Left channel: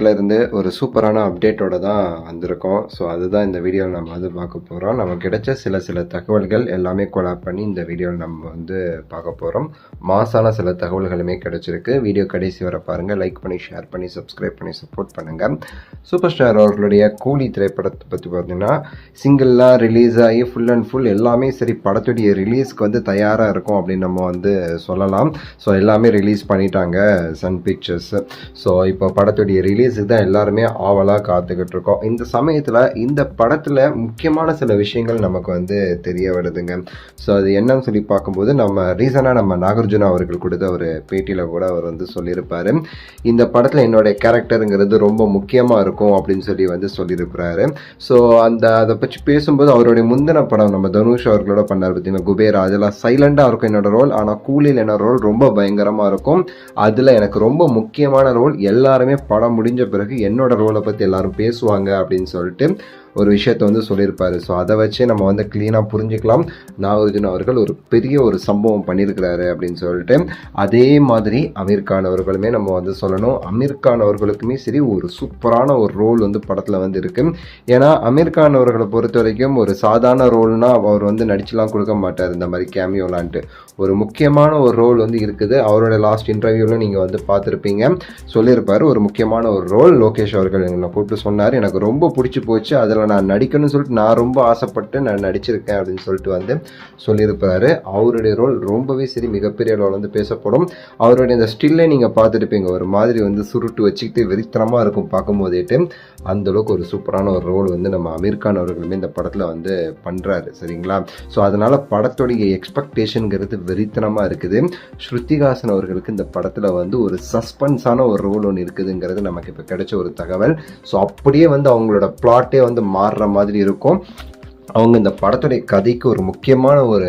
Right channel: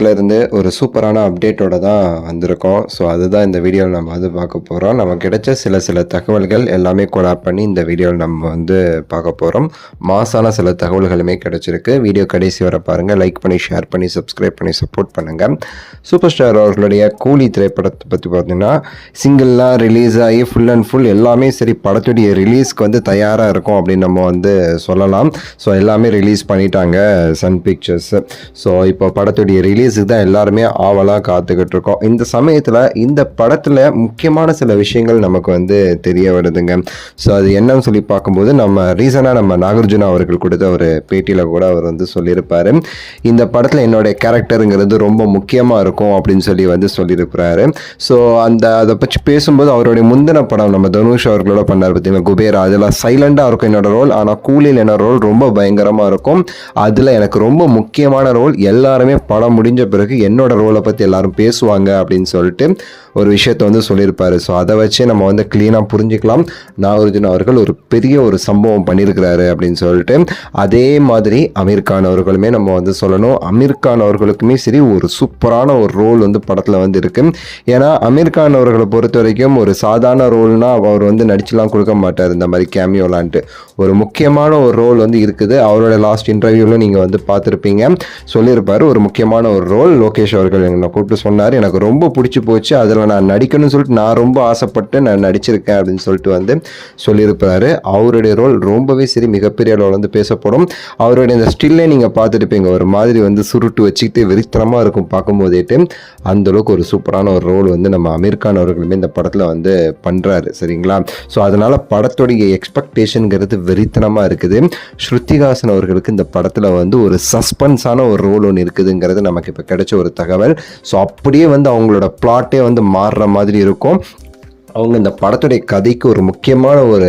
படத்துல இருந்து ஒரு சூப்பரான அப்டேட்டோட தான் வந்திருக்கோம். ஸோ அதுதான் இந்த வீடியோவில் நம்ம வந்து பார்க்க போகிறோம். நமக்கு கிடைச்ச சில தகவல்கள் எல்லாமே கொலாப் பண்ணி இந்த வீடியோவில் நம்ம வந்து பார்க்க போகிறோம். மாசான சில தகவல்களுமே கிடைச்சிருக்கு. வீடியோ கடைசி வர பாருங்கள். லைக் பண்ணி, ஷேர் பண்ணி, சப்ஸ்கிரைப் பண்ணி சப்போர்ட் பண்ணுங்கள். சூப்பர் ஸ்டார் அவர்களுடைய கூலி திரைப்படத்தை பற்றி பார்த்தீங்கன்னா சிங்கிள்லாம் ரிலீஸ் ஆகி ஃபுல் அண்ட் ஃபுல் எல்லாமே சரி படத்துடைய ரிலீஸ்க்கு வந்து தயாராக இருக்கும் அப்படின்னு நம்ம வந்து சொல்லலாம். ஸோ எல்லாமே ரிலீஸ் பண்ணிட்டாங்க சன் பிக்சர்ஸ். ஸோ இப்போ படத்துடைய ரிலீஸுக்கு தான் எல்லாருமே ஆவலாக காத்துக்கிட்டு இருக்கோம். இந்த சமயத்தில் இந்த படத்தில் முக்கியமான சில விஷயங்கள் நமக்கு வந்து தெரிய வருதுங்க. ஸோ அது என்னன்னு சொல்லி பார்க்கும்போது நம்ம நாகார்ஜுனா அவர்கள் கொடுத்த ஒரு பேட்டியில் கூட அவர் வந்து சொல்லியிருப்பார். இந்த படத்தில் என்னுடைய கேரக்டருங்கிறது ரொம்ப முக்கியமாக இருக்கும் அப்படின்னு சொல்லி வந்து சொல்லியிருக்கிறாரு. ஸோ அதை பற்றி பேசும்போது அவருடைய முந்தின படம் நம்ம தனுஷ் அவர்களோட பண்ணார் பார்த்தீங்கன்னா குபேரா, அதெல்லாம் சைலண்டாக இருக்கும் என்னோட ரோல். ஆனால் கூலியில் என்னோட ரோல் ரொம்ப பயங்கரமாக இருக்கும். அதில் எனக்கு ரொம்ப முக்கியமான ரோல். எல்லாருமே படம் முடிஞ்ச பிறகு என்னோட ரோலை பற்றி எல்லாரும் பேசுவாங்க அப்படின்னு சொல்லிட்டு ஒரு விஷயத்தை வந்து சொல்லியிருப்பாரு. ஸோ அதை வச்சு நம்ம வந்து க்ளீனாக புரிஞ்சுக்கலாம் நாகார்ஜுன அவர்கள் ஒரு பெரிய ஒரு சம்பவம் பண்ணியிருக்கிறாரு அப்படின்னு சொல்லிட்டு. அதே மாதிரி அமீர் கான் அவர்களுமே நம்ம வந்து சொல்லணும். அமீர் கான் அவர்களுக்குமே சரி ஒரு சூப்பரான ஒரு ரோல் வந்து படத்தில் வந்து இருக்கு. ஏன்னா அமீர் கான் அவர்களை பொறுத்த வரைக்கும் ஒரு சாதாரண ரோல்னா அவர் வந்து நடிச்சுலாம் கொடுக்க மாட்டார். இந்த மாதிரி கேமியோலான்ட்டு ஒரு முக்கியமான ஒரு ரோல் வந்து இருக்குது. அவரோட லாஸ்ட் இன்டர்வியூவில் நீங்கள் வந்து பார்த்துருப்பீங்க, சொல்லியிருப்பார். ஒரு முக்கியமான ஒரு ரோல் லோகேஷ் அவர்கள் என்னை கூப்பிட்டு சொன்னார். எனக்கு ரொம்ப பிடிச்சி போச்சு, அதில் நான் நடிக்கணும்னு சொல்லிட்டு நான் ரொம்ப ஆசைப்பட்டு நான் நடிச்சிருக்கேன் அப்படின்னு சொல்லிட்டு வந்து சொல்லியிருப்பாரு. அவருடைய ரோல் ரொம்பவே சரி மிகப்பெரிய அளவில் வந்து பேசப்படும். அவருடைய இந்த ஸ்டில்லே நீங்கள் பார்த்துருப்பீங்க, ஒரு மாதிரி வந்து சுருட்டு வச்சுக்கிட்டு வெறித்தனமாக இருக்கும் பார்க்கும்போதேட்டு. அந்தளவுக்கு ஒரு சூப்பரான ஒரு ரோல் வந்து நம்ம அமீர் கான் அவர்களுமே இந்த படத்தில் வந்து பண்ணுறாரு. சரிங்களா? ஸோ அதனால் படத்துடைய எக்ஸ்பெக்டேஷனுங்கிறது வெறித்தனமாக இருக்குது. ஸ்ருதிஹாசன் அவர்களுக்கு இந்த படத்தில் வந்து ஒரு சஸ்பென்ஸான ஒரு ரோல் ஒன்று இருக்குதுங்கிறது நமக்கு இப்போ கிடைச்ச ஒரு தகவல். ஸோ அப்படியே வந்து அவங்களோட பிளாட்டே வந்து மாறுற மாதிரி இருக்கும். அவங்க இந்த படத்துடைய கதைக்கு ஒரு முக்கியமான ஒரு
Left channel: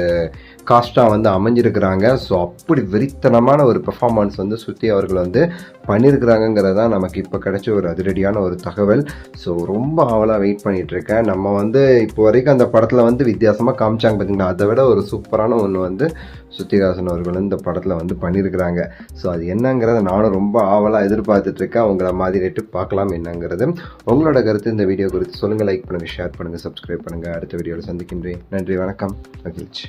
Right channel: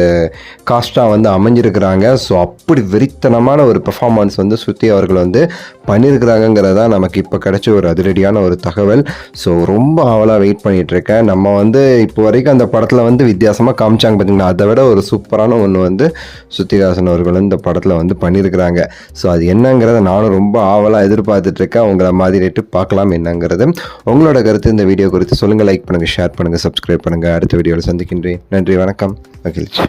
காஸ்ட்டாக வந்து அமைஞ்சிருக்கிறாங்க. ஸோ அப்படி வெறித்தனமான ஒரு பெர்ஃபார்மன்ஸ் வந்து ஸ்ருதி அவர்கள் வந்து பண்ணியிருக்கிறாங்கிறது தான் நமக்கு இப்போ கிடைச்ச ஒரு அதிரடியான ஒரு தகவல். ஸோ ரொம்ப ஆவலாக வெயிட் பண்ணிகிட்ருக்கேன். நம்ம வந்து இப்போ வரைக்கும் அந்த படத்தில் வந்து வித்தியாசமாக காமிச்சாங்க பார்த்தீங்கன்னா, அதை விட ஒரு சூப்பரான ஒன்று வந்து ஸ்ருதிஹாசன் அவர்கள் இந்த படத்தில் வந்து பண்ணியிருக்கிறாங்க. ஸோ அது என்னங்கிறத நானும் ரொம்ப ஆவலாக எதிர்பார்த்துட்ருக்கேன். அவங்கள மாதிரி பார்க்கலாம் என்னங்கிறது. உங்களோட கருத்து இந்த வீடியோ குறித்து சொல்லுங்கள். லைக் பண்ணுங்கள், ஷேர் பண்ணுங்கள், சப்ஸ்கிரைப் பண்ணுங்கள். அடுத்த வீடியோவில் சந்திக்கின்றேன். நன்றி, வணக்கம், மகிழ்ச்சி.